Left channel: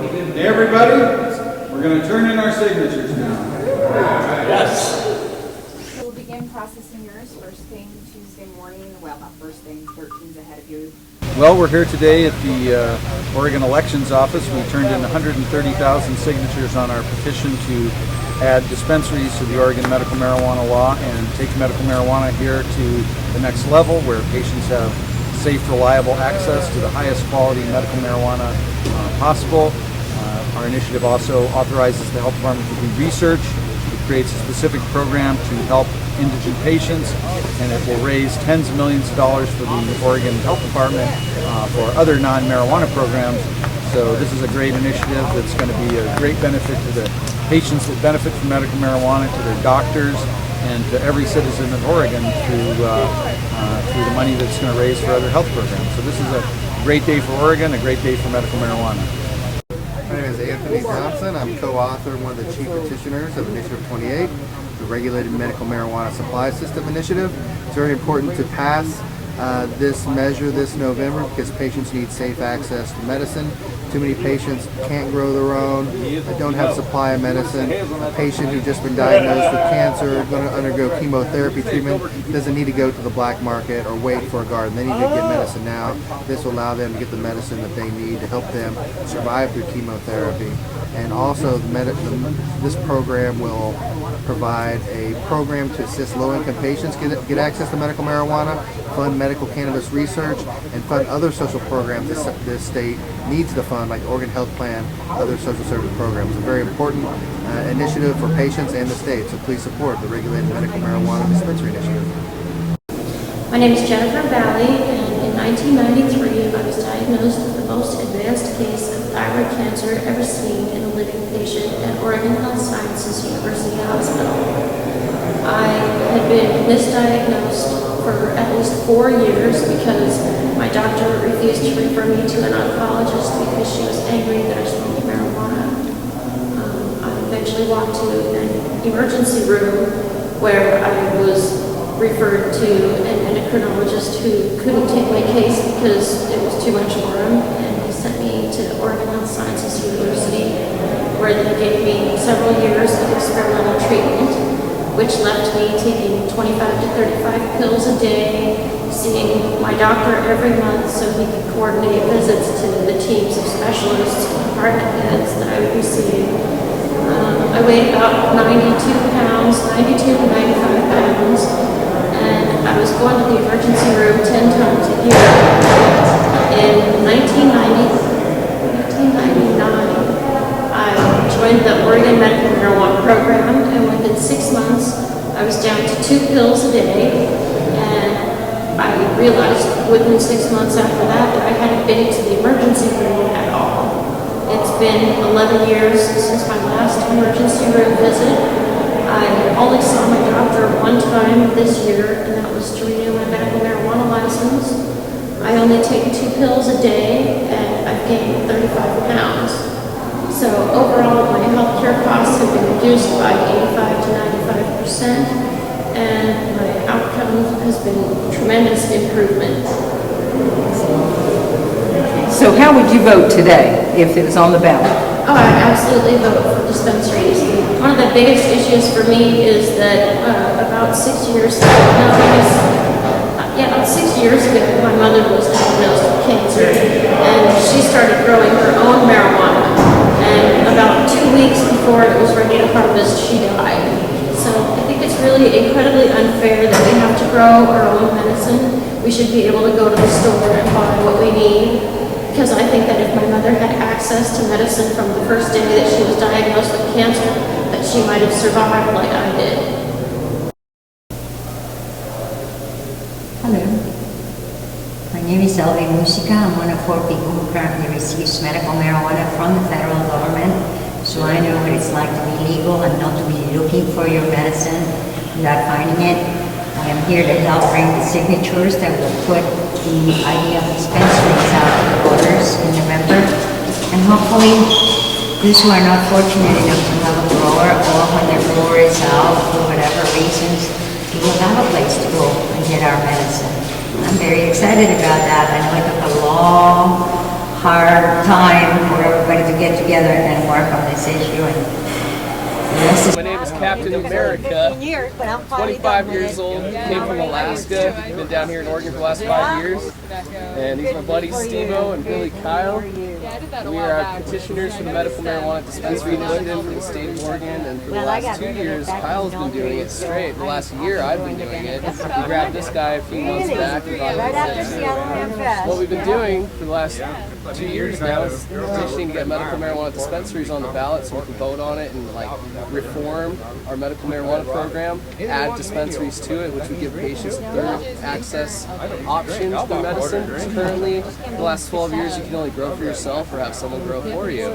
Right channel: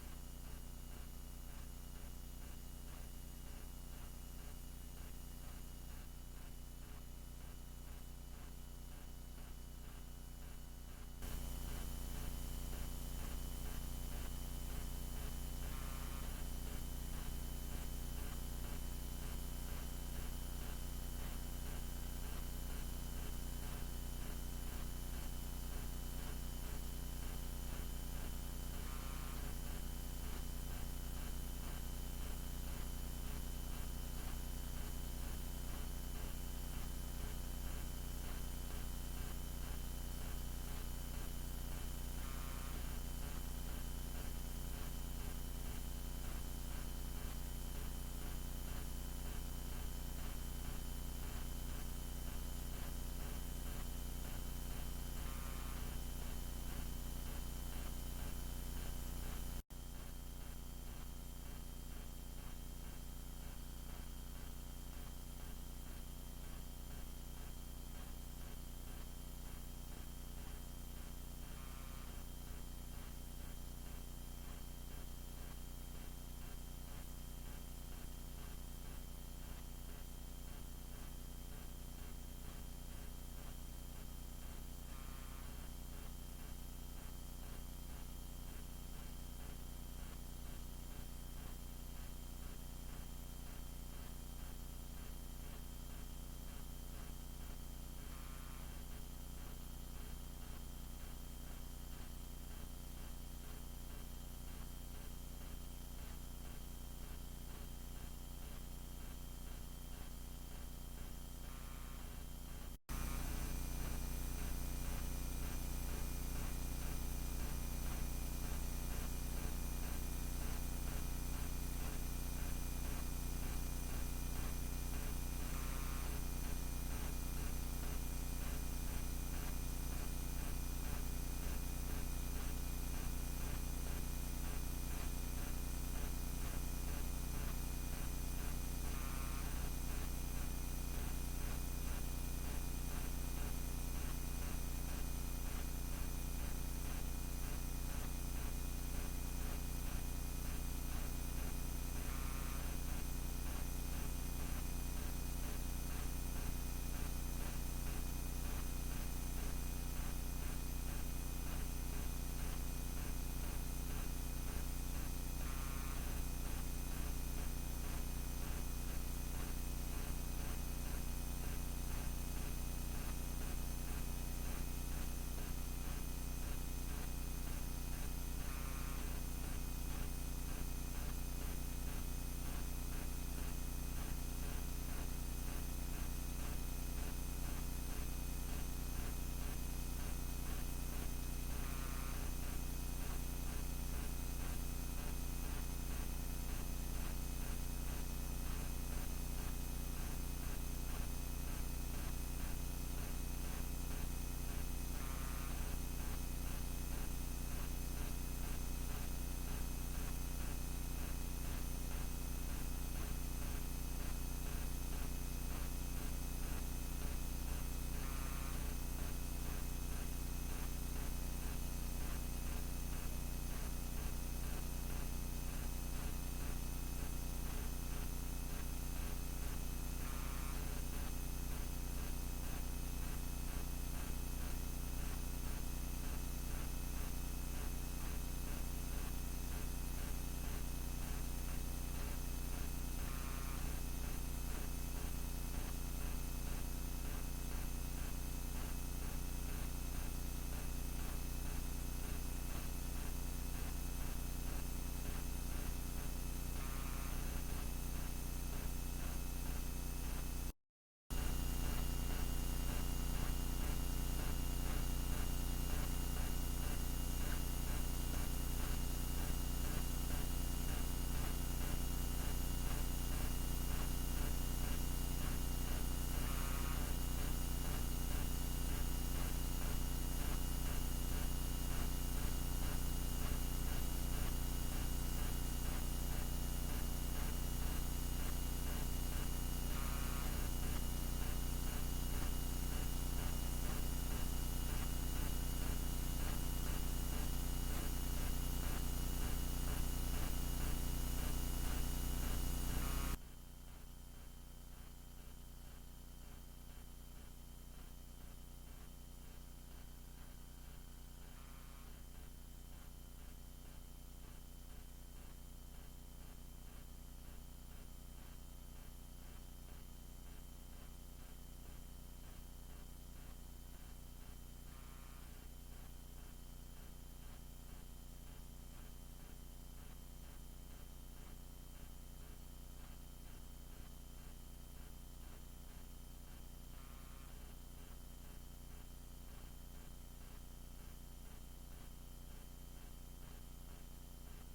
Hey everybody, we're going to turn in our signatures now. Yes. We'll begin processing yours first thing Tuesday morning. Well, not first thing, 13's ahead of you. Well, we're here today at the Oregon Elections Office. We turned in 130,000 signatures on our petition to add dispensaries to the Oregon medical marijuana law and take medical marijuana here to the next level where patients have safe, reliable access to the highest quality medical marijuana possible. Our initiative also authorizes the health department to do research. It creates a specific program to help indigent patients, and it will raise tens of millions of dollars for the Oregon Health Department for other non-marijuana programs. So this is a great initiative that's going to be a great benefit to the patients that benefit from medical marijuana, to their doctors, and to every citizen of Oregon through the money that's going to raise for other health programs. So this is a great day for Oregon, a great day for medical marijuana. My name is Anthony Thompson. I'm co-author and one of the chief petitioners of Initiative 28, the Regulated Medical Marijuana Supply System Initiative. It's very important to pass this measure this November because patients need safe access to medicine. Too many patients can't grow their own, they don't have supply of medicine. A patient who's just been diagnosed with cancer, going to undergo chemotherapy treatment, doesn't need to go to the black market or wait for a garden. They need to get medicine now. This will allow them to get the medicine that they need to help them survive through chemotherapy. And also, this program will provide a program to assist low-income patients get access to medical marijuana, fund medical cannabis research, and fund other social programs this state needs to fund, like Oregon Health Plan, other social service programs. A very important initiative for patients and the state, so please support the Regulated Medical Marijuana Dispensary Initiative. My name is Jennifer Valley, and in 1993 I was diagnosed with the most advanced case of thyroid cancer ever seen in a living patient at Oregon Health Sciences University Hospital. I had been misdiagnosed for at least 4 years because my doctor refused to refer me to an oncologist because she was angry that I smoked marijuana. I eventually walked to an emergency room where I was referred to an endocrinologist who couldn't take my case because it was too much for him, and he sent me to Oregon Health Sciences University, where they gave me several years of experimental treatment, which left me taking 25 to 35 pills a day, seeing my doctor every month so he could coordinate visits to the teams of specialists and department heads that I would be seeing. I weighed about 92 pounds, 92 to 95 pounds, and I was going to the emergency room 10 times a year. In 1999, I joined the Oregon Medical Marijuana Program, and within 6 months, I was down to 2 pills a day, and I realized within 6 months after that I hadn't been to the emergency room at all. It's been 11 years since my last emergency room visit. I only saw my doctor one time this year, and that was to renew my medical marijuana license. I only take 2 pills a day, and I've gained 35 pounds. So overall, my healthcare costs have been reduced by 85 to 95%, and my outcome has been tremendous improvement. So how would you vote today if it was on the ballot? Oh, I absolutely vote for dispensaries. One of the biggest issues for me is that about 6 years ago, about 6 years ago, my mother was diagnosed with cancer, and she started growing her own marijuana. And about 2 weeks before it was ready to harvest, she died. So I think it's really incredibly unfair that we have to grow our own medicine. We should be able to go to the store and buy what we need. Because I think that if my mother had access to medicine from the first day that she was diagnosed with cancer, that she might have survived like I did. Hello. My name is Elvie Musica. I'm one of 4 people who currently receives medical marijuana from the federal government. So I know what it's like to be legal and not to be looking for your medicine without finding it. I am here to help bring the signatures that will put the idea of dispensaries out to the voters in November. And hopefully, those who are not fortunate enough to have a grower, or when their grower is out for whatever reasons, we will have a place to go and get our medicine. I'm very excited about that. I know it took a long, hard time for everybody to get together and work on this issue. And the rest is My name is Captain America. 25 years old, came from Alaska, been down here in Oregon for the last 5 years. And these are my buddies Steve-O and Billy Kyle. We are petitioners for the medical marijuana dispensary in Linden for the state of Oregon. And for the last 2 years, Kyle's been doing it straight. The last year, I've been doing it. We grabbed this guy a few months back. We got him. What we've been doing for the last 2 years now is petitioning to get medical marijuana dispensaries on the ballot so we can vote on it and reform our medical marijuana program, add dispensaries to it, which would give patients third access options for medicine. Currently, the last 12 years, you can only grow for yourself or have someone grow for you,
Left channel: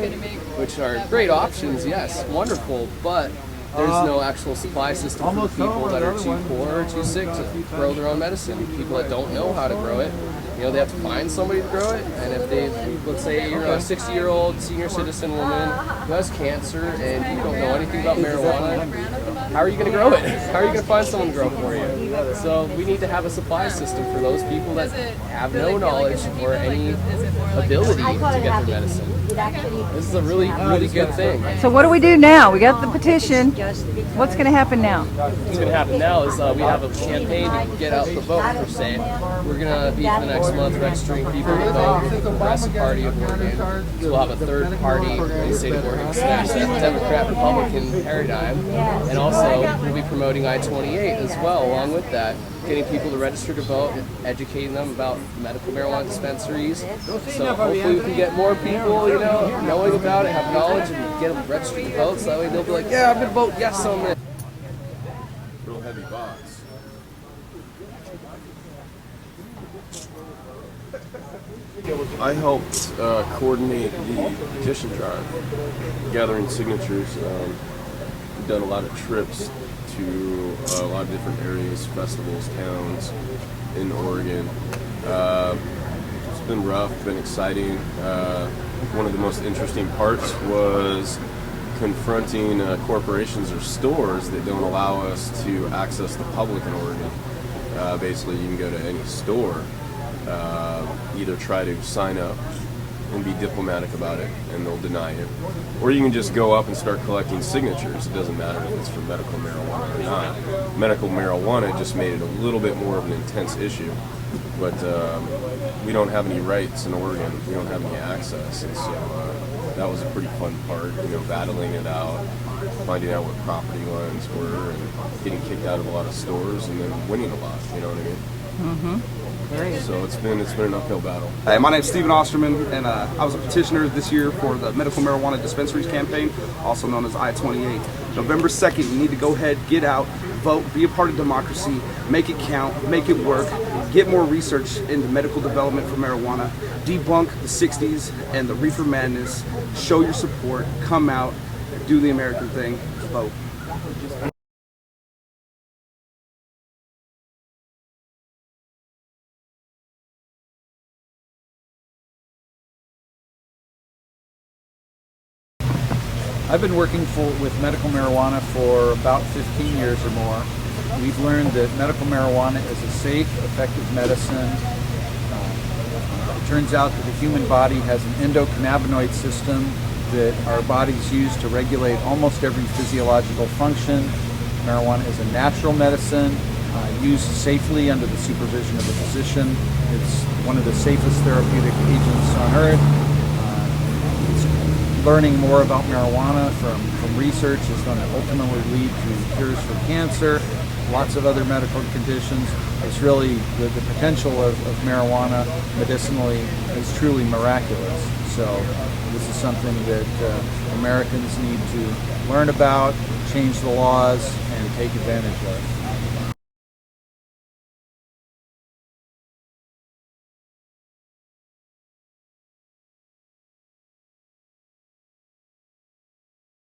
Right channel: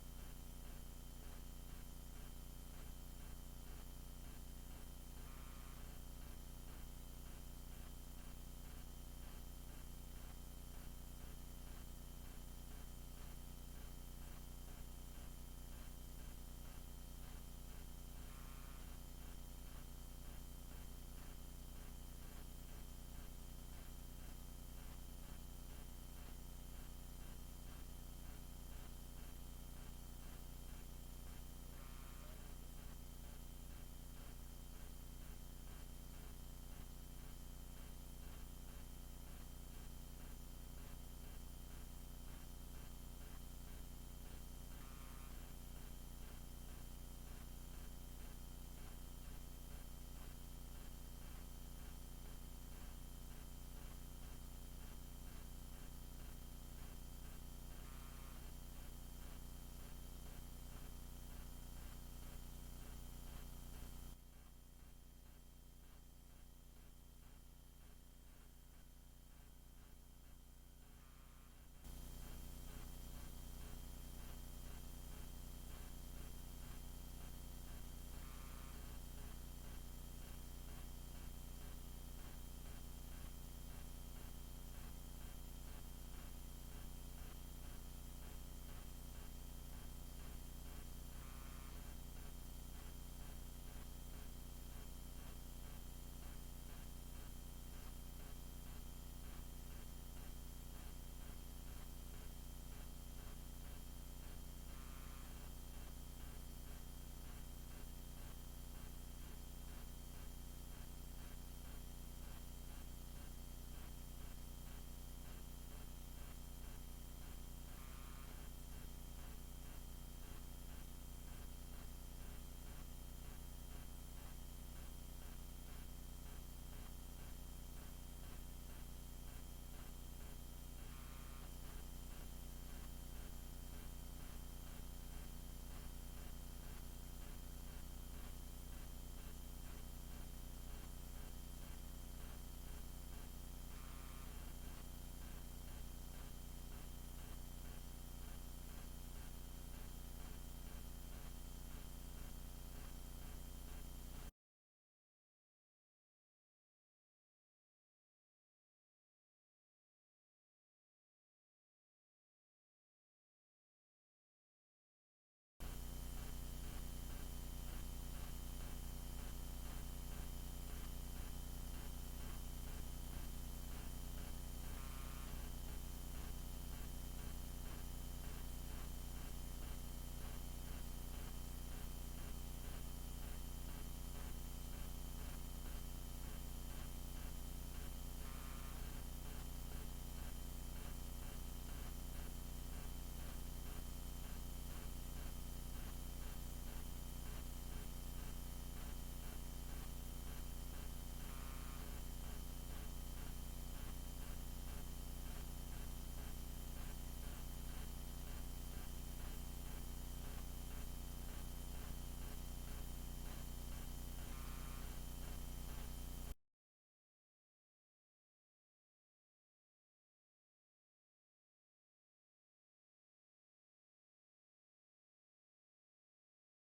which are great options, yes, wonderful, but there's no actual supply system for people that are too poor or too sick to grow their own medicine. People that don't know how to grow it, they have to find somebody to grow it. And if let's say you're a 60-year-old senior citizen woman who has cancer and you don't know anything about marijuana, how are you going to grow it? How are you going to find someone to grow for you? So we need to have a supply system for those people that have no knowledge or any ability to get their medicine. This is a really, really good thing. So what do we do now? We got the petition. What's going to happen now? What's going to happen now is we have a campaign to get out the vote, per se. We're going to be for the next month registering people to vote for the Progressive Party of Oregon. So we'll have a third party in the state of Oregon to smash that Democrat-Republican paradigm. And also, we'll be promoting I-28 as well, along with that. Getting people to register to vote, educating them about medical marijuana dispensaries. So hopefully we can get more people, knowing about it, have knowledge, and get them registered to vote. So that way they'll be like, yeah, I'm going to vote yes on this. Real heavy box. I helped coordinate the petition drive, gathering signatures. We've done a lot of trips to a lot of different areas, festivals, towns in Oregon. It's been rough, been exciting. One of the most interesting parts was confronting corporations or stores that don't allow us to access the public in Oregon. Basically, you can go to any store, either try to sign up and be diplomatic about it, and they'll deny it. Or you can just go up and start collecting signatures. It doesn't matter if it's for medical marijuana or not. Medical marijuana just made it a little bit more of an intense issue. But we don't have any rights in Oregon. We don't have any access. And so that was a pretty fun part, battling it out, finding out what property lines were, and getting kicked out of a lot of stores, and then winning a lot, you know what I mean? Mm-hmm. So it's been an uphill battle. Hey, my name's Stephen Osterman, and I was a petitioner this year for the Medical Marijuana Dispensaries campaign, also known as I-28. November 2nd, you need to go ahead, get out, vote, be a part of democracy, make it count, make it work, get more research into medical development for marijuana, debunk the 60s and the reefer madness, show your support, come out, do the American thing, vote. I've been working with medical marijuana for about 15 years or more. We've learned that medical marijuana is a safe, effective medicine. It turns out that the human body has an endocannabinoid system that our bodies use to regulate almost every physiological function. Marijuana is a natural medicine, used safely under the supervision of a physician. It's one of the safest therapeutic agents on earth. Learning more about marijuana from research is going to ultimately lead to cures for cancer, lots of other medical conditions. It's really the potential of marijuana medicinally is truly miraculous. So this is something that Americans need to learn about, change the laws, and take advantage of.